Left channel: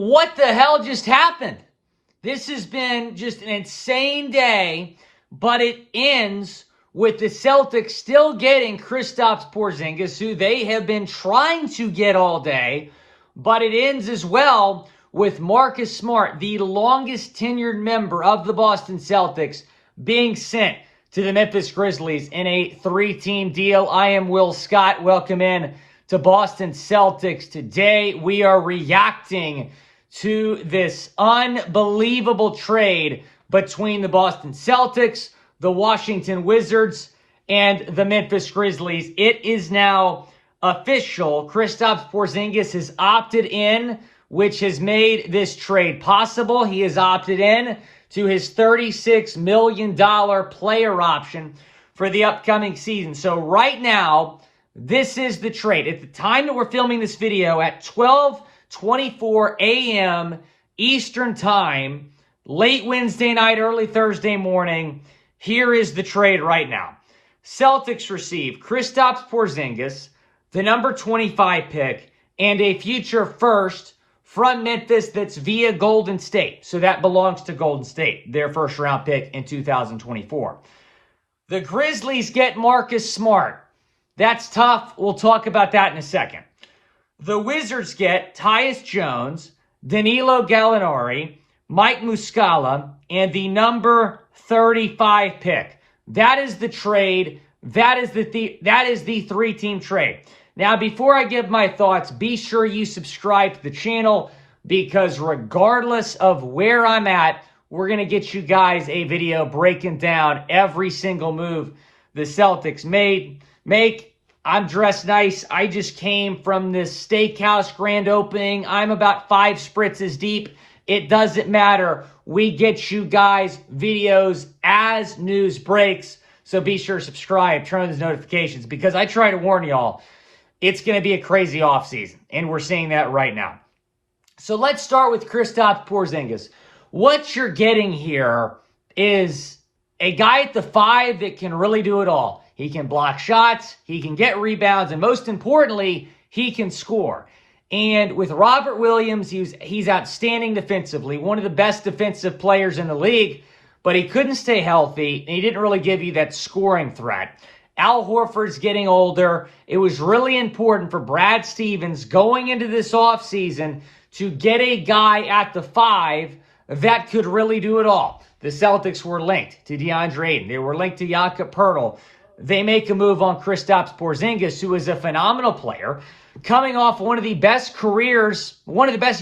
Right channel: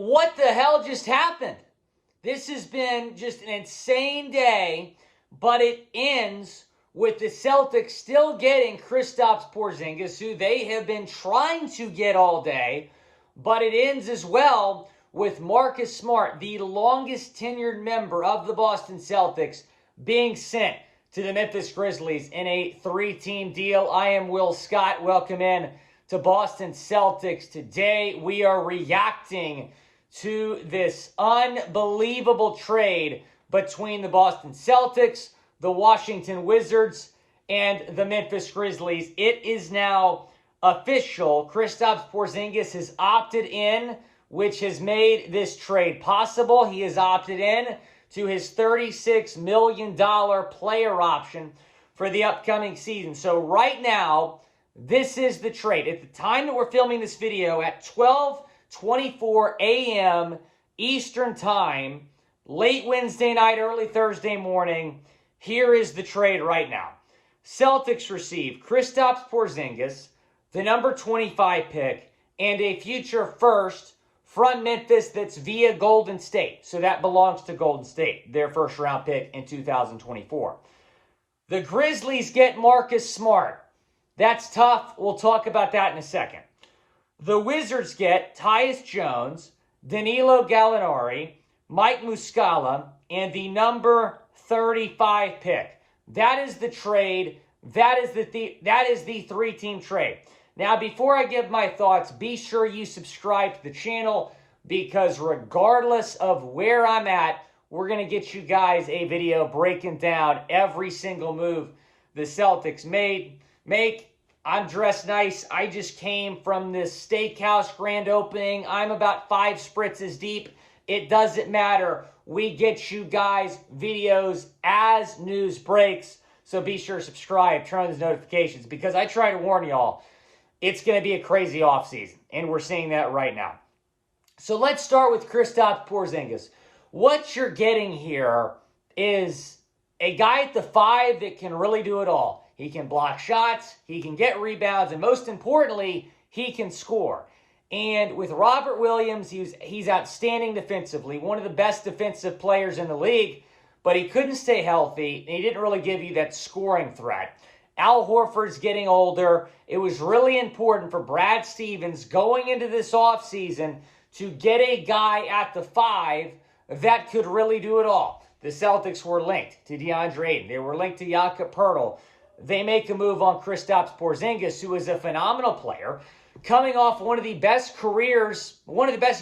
what the hell just happened? This has been just an insane day, but it ends with the Celtics still getting Kristaps Porzingis, who they have been trying to get all day, but it ends as well with Marcus Smart, the longest tenured member of the Boston Celtics, being sent to the Memphis Grizzlies in a 3-team deal. I am Will Scott. Welcome in to Boston Celtics Today. We are reacting to this unbelievable trade between the Boston Celtics, the Washington Wizards, and the Memphis Grizzlies. It is now official. Kristaps Porzingis has opted in, which has made this trade possible. He has opted in to his $36 million player option for the upcoming season. So right now, this is the trade. At the time that we're filming this video at 12:24 a.m. Eastern Time, late Wednesday night, early Thursday morning, here is the trade right now. Celtics receive Kristaps Porzingis, the number 25 pick, and a future first from Memphis that's via Golden State. So that belongs to Golden State, their first round pick in 2024. The Grizzlies get Marcus Smart. That's tough. We'll talk about that in a second. The Wizards get Tyus Jones, Danilo Gallinari, Mike Muscala, and the number 35 pick. That is the trade. That is the three-team trade. Now, before I give my thoughts, be sure you subscribe to the channel because regardless of where I'm at, we're going to get you guys a video breaking down every single move the Celtics make. I'm dressed nice. I just came from this steakhouse grand opening. I'm about 5 spritzes deep. It doesn't matter. We get you guys videos as news breaks. So be sure to subscribe, turn on those notifications because I try to warn y'all. It's going to be a crazy offseason, and we're seeing that right now. So let's start with Kristaps Porzingis. What you're getting here is a guy at the 5 that can really do it all. He can block shots, he can get rebounds, and most importantly, he can score. And with Robert Williams, he's outstanding defensively, one of the best defensive players in the league, but he couldn't stay healthy, and he didn't really give you that scoring threat. Al Horford's getting older. It was really important for Brad Stevens going into this offseason to get a guy at the 5 that could really do it all. The Celtics were linked to DeAndre Ayton. They were linked to Jakob Poeltl. They make a move on Kristaps Porzingis, who is a phenomenal player, coming off one of the best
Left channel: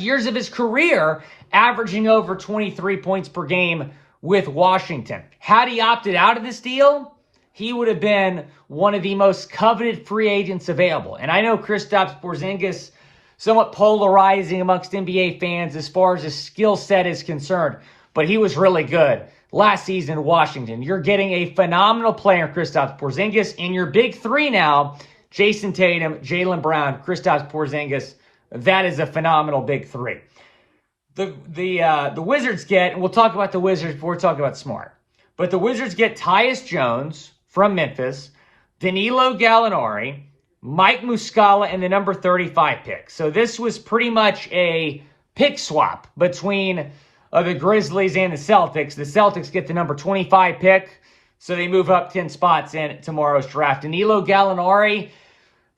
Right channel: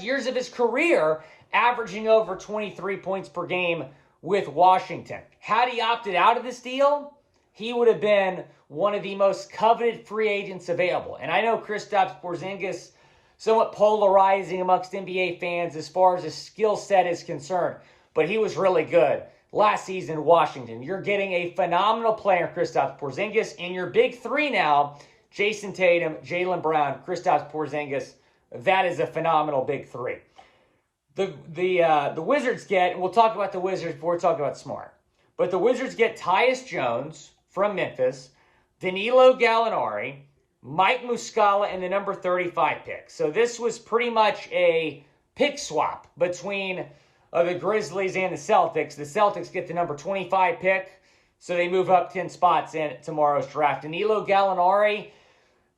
years of his career, averaging over 23 points per game with Washington. Had he opted out of this deal, he would have been one of the most coveted free agents available. And I know Kristaps Porzingis, somewhat polarizing amongst NBA fans as far as his skill set is concerned, but he was really good last season in Washington. You're getting a phenomenal player, Kristaps Porzingis, and your big 3 now, Jason Tatum, Jaylen Brown, Kristaps Porzingis. That is a phenomenal big 3. The Wizards get, and we'll talk about the Wizards before we talk about Smart, but the Wizards get Tyus Jones from Memphis, Danilo Gallinari, Mike Muscala, and the number 35 pick. So this was pretty much a pick swap between the Grizzlies and the Celtics. The Celtics get the number 25 pick, so they move up 10 spots in tomorrow's draft. Danilo Gallinari,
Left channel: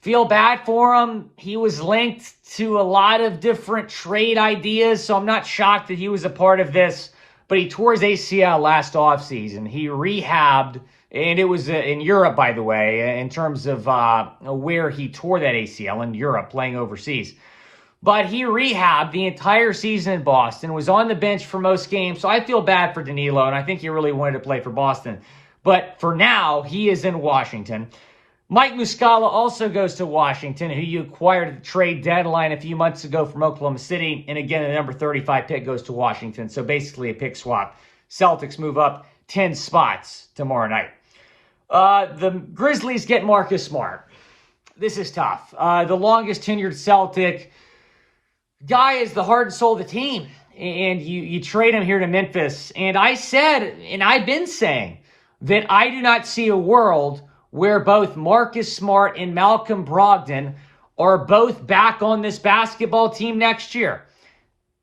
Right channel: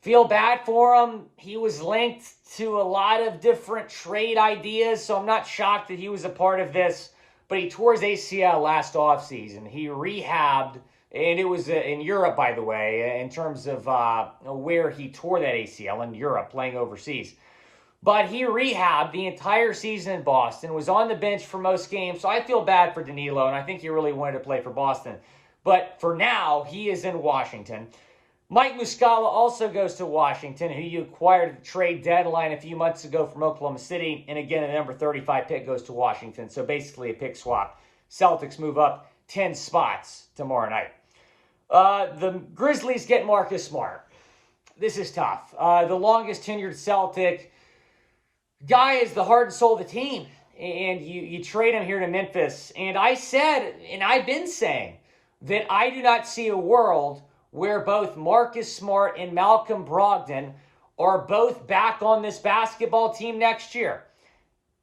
feel bad for him. He was linked to a lot of different trade ideas, so I'm not shocked that he was a part of this, but he tore his ACL last offseason. He rehabbed, and it was in Europe, by the way, in terms of where he tore that ACL in Europe, playing overseas. But he rehabbed the entire season in Boston, was on the bench for most games, so I feel bad for Danilo, and I think he really wanted to play for Boston. But for now, he is in Washington. Mike Muscala also goes to Washington, who you acquired at the trade deadline a few months ago from Oklahoma City. And again, the number 35 pick goes to Washington, so basically a pick swap. Celtics move up 10 spots tomorrow night. The Grizzlies get Marcus Smart. This is tough. The longest tenured Celtic guy is the heart and soul of the team. And you trade him here to Memphis. And I said, and I've been saying, that I do not see a world where both Marcus Smart and Malcolm Brogdon are both back on this basketball team next year.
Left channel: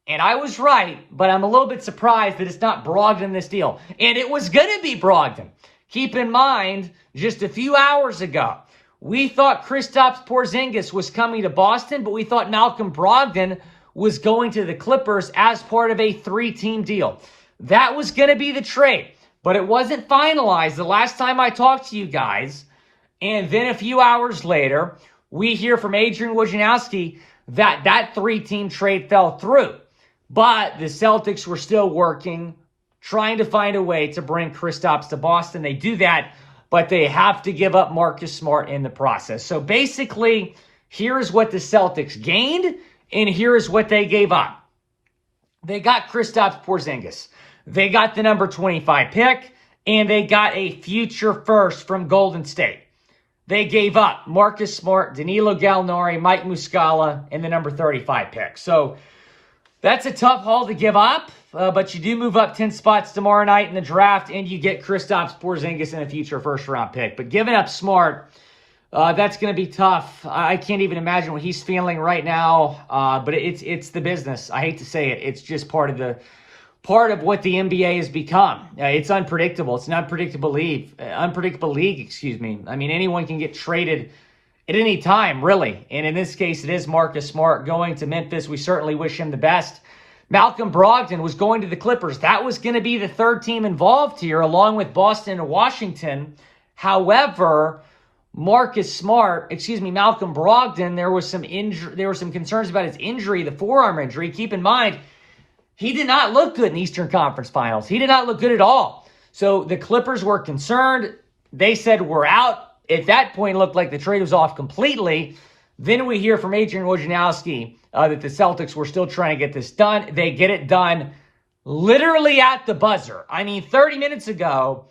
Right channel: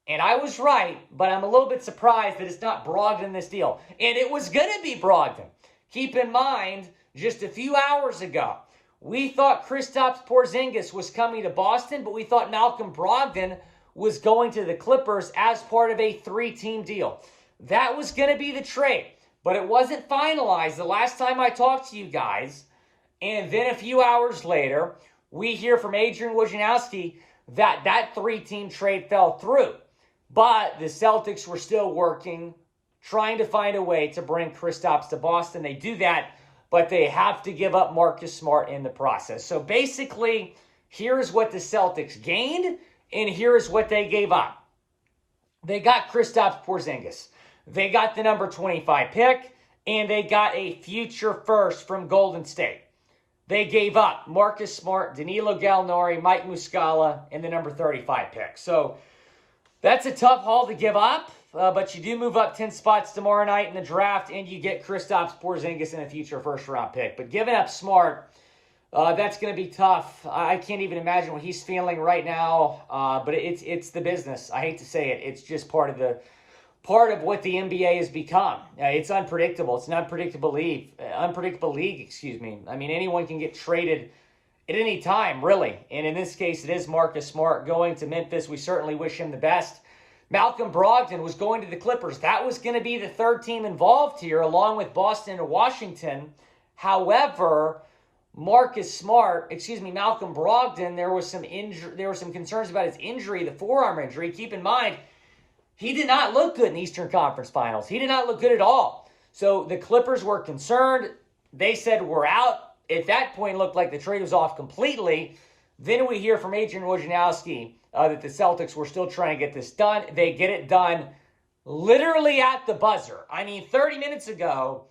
And I was right, but I'm a little bit surprised that it's not Brogdon this deal. And it was going to be Brogdon. Keep in mind, just a few hours ago, we thought Kristaps Porzingis was coming to Boston, but we thought Malcolm Brogdon was going to the Clippers as part of a 3-team deal. That was going to be the trade, but it wasn't finalized the last time I talked to you guys. And then a few hours later, we hear from Adrian Wojnarowski that that 3-team trade fell through. But the Celtics were still working, trying to find a way to bring Kristaps to Boston. They do that, but they have to give up Marcus Smart in the process. So basically, here's what the Celtics gained, and here's what they gave up. They got Kristaps Porzingis. They got the number 25 pick, and they got a future first from Golden State. They gave up Marcus Smart, Danilo Gallinari, Mike Muscala, and the number 35 pick. So that's a tough haul to give up, but you do move up 10 spots tomorrow night in the draft, and you get Kristaps Porzingis in a future first-round pick. But giving up Smart, that's going to be tough. I can't even imagine what he's feeling right now, but it's the business. I hate to say it. It's just part of what the NBA has become. It's unpredictable. It's an unpredictable league. Excuse me. I mean, anyone can get traded at any time, really. And in this case, it is Marcus Smart going to Memphis. We certainly wish him the best. Malcolm Brogdon was going to the Clippers. That was going to be the third team involved here, along with Boston and Washington. However, Malcolm Brogdon, there were some concerns about his injury, the forearm injury. Keep in mind, he did not look good in Eastern Conference Finals. He did not look good at all. So the Clippers were concerned. They said, we're out. At that point, it looked like the trade was off completely. Then we hear from Adrian Wojnarowski that the Celtics were still trying to get this done. They get it done literally at the buzzer. I mean, 30 minutes ago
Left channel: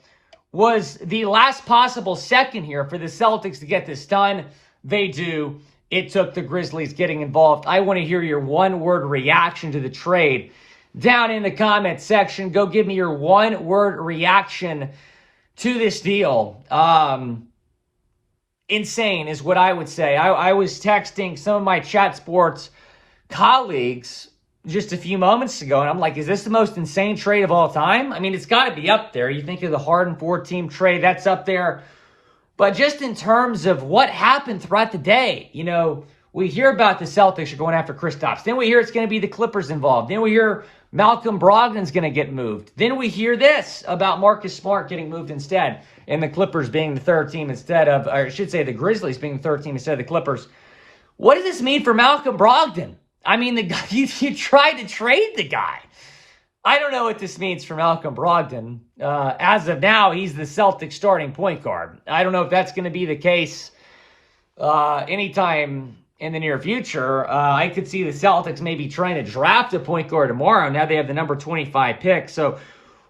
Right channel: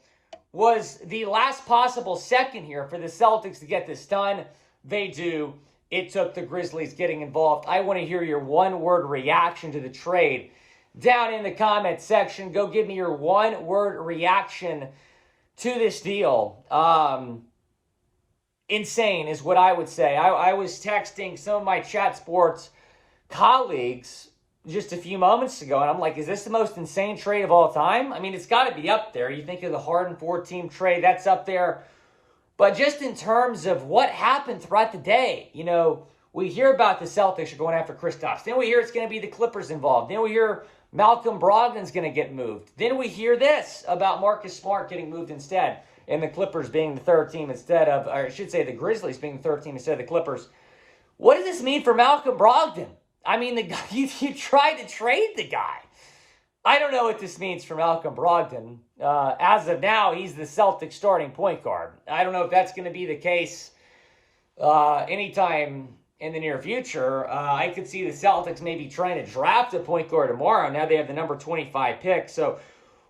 was the last possible second here for the Celtics to get this done. They do. It took the Grizzlies getting involved. I want to hear your one-word reaction to the trade down in the comment section. Go give me your one-word reaction to this deal. Insane is what I would say. I was texting some of my Chat Sports colleagues just a few moments ago, and I'm like, is this the most insane trade of all time? I mean, it's got to be up there. You think of the Harden 4-team trade, that's up there. But just in terms of what happened throughout the day, you know, we hear about the Celtics are going after Kristaps. Then we hear it's going to be the Clippers involved. Then we hear Malcolm Brogdon's going to get moved. Then we hear this about Marcus Smart getting moved instead, and the Clippers being the third team instead of, or I should say the Grizzlies being the third team instead of the Clippers. What does this mean for Malcolm Brogdon? I mean, the guy, you tried to trade the guy. I don't know what this means for Malcolm Brogdon. As of now, he's the Celtics starting point guard. I don't know if that's going to be the case anytime in the near future. I could see the Celtics maybe trying to draft a point guard tomorrow. Now they have the number 25 pick. So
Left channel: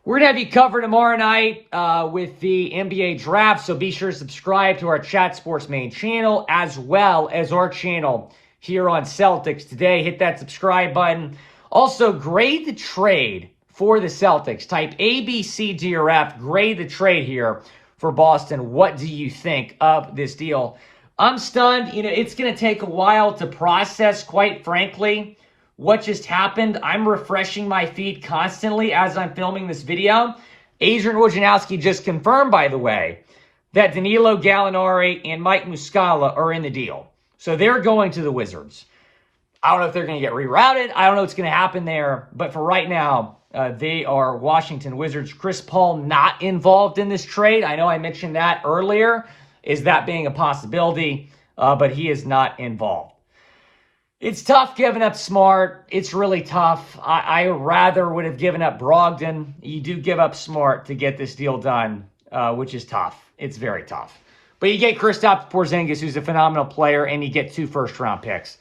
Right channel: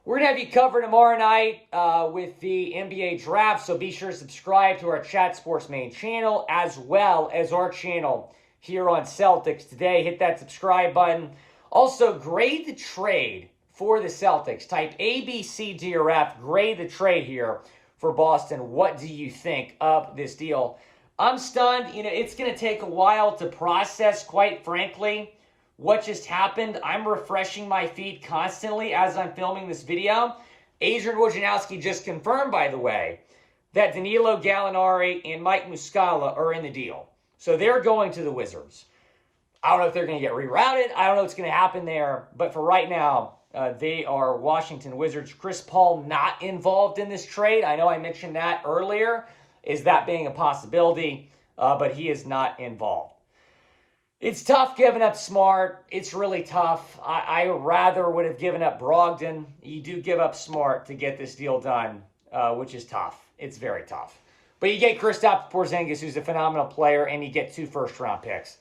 we're going to have you covered tomorrow night with the NBA draft. So be sure to subscribe to our Chat Sports main channel as well as our channel here on Celtics Today. Hit that subscribe button. Also, grade the trade for the Celtics. Type A, B, C, D, or F. Grade the trade here for Boston. What do you think of this deal? I'm stunned. You know, it's going to take a while to process, quite frankly, what just happened. I'm refreshing my feed constantly as I'm filming this video. Adrian Wojnarowski just confirmed, by the way, that Danilo Gallinari and Mike Muscala are in the deal. So they're going to the Wizards. I don't know if they're going to get rerouted. I don't know what's going to happen there. But for right now, they are Washington Wizards. Chris Paul not involved in this trade. I know I mentioned that earlier. Is that being a possibility? But he is not involved. It's tough giving up Smart. It's really tough. I rather would have given up Brogdon. You do give up Smart to get this deal done, which is tough. It's very tough. But you get Kristaps Porzingis, who's a phenomenal player, and you get 2 first-round picks.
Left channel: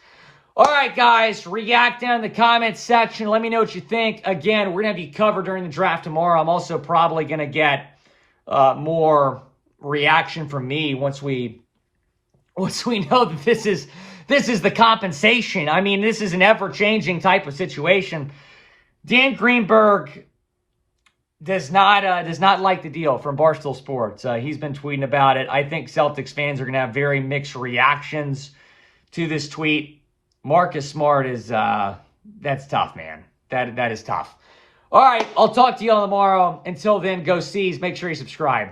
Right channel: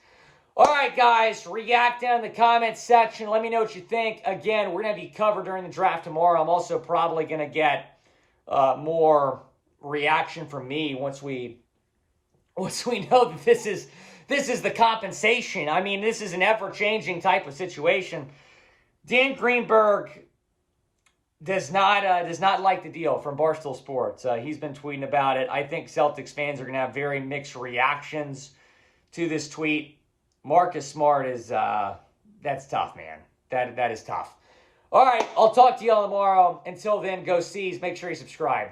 All right, guys, react down in the comments section. Let me know what you think. Again, we're going to have you covered during the draft tomorrow. I'm also probably going to get more reaction from me once we know that this is the compensation. I mean, this is an ever-changing type of situation. Dan Greenberg does not like the deal from Barstool Sports. He's been tweeting about it. I think Celtics fans are going to have very mixed reactions to this tweet. Marcus Smart is, that's tough, man. That is tough. All right, I'll talk to you all tomorrow. Until then, go C's. Make sure you subscribe.